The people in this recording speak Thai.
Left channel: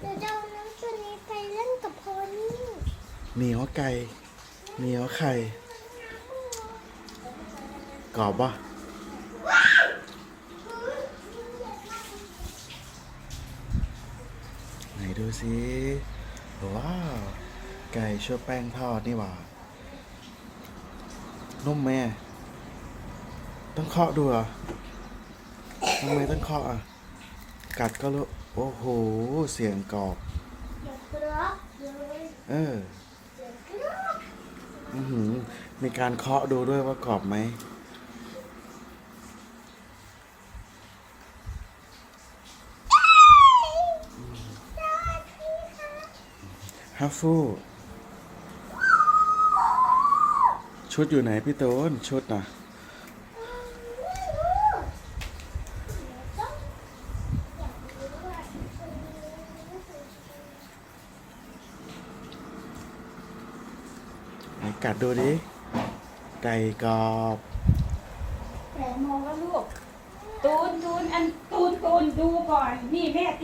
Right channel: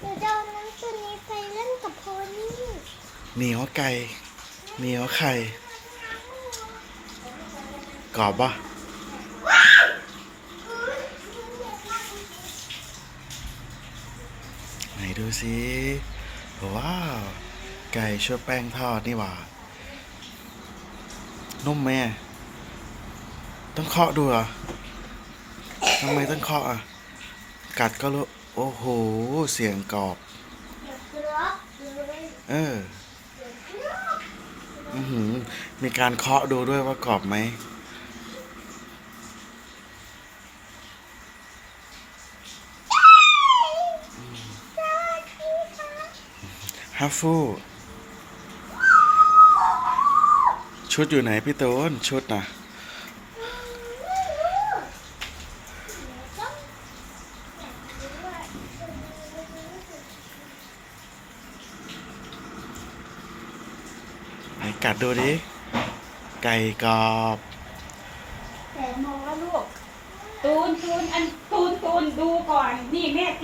หนูจะเอาน้ำตัวนี้ไปเล่นกับโพนี่เหนียวไก่เหนียวไข่กรอบปะไหนดูสิว้าว ไก่ชั่วแป้งทอดนี่หว่า นุ่มไหมอะต้องเคาะดูเหรอทำไมต้องเคาะอะ กัดก็รู้ โอ้โห เสียงกรอบเดี๋ยวครับเลยเอออือหือ มีการเคาะดูด้วยว่ากรอบไหม ฮัฟฟู ชุดอยู่ไหนพี่ตูนชุดน่ะ ไหนกัดดูดิ ไก่กรอบ แต่มองแล้วลูก ตูนตูนอันตูน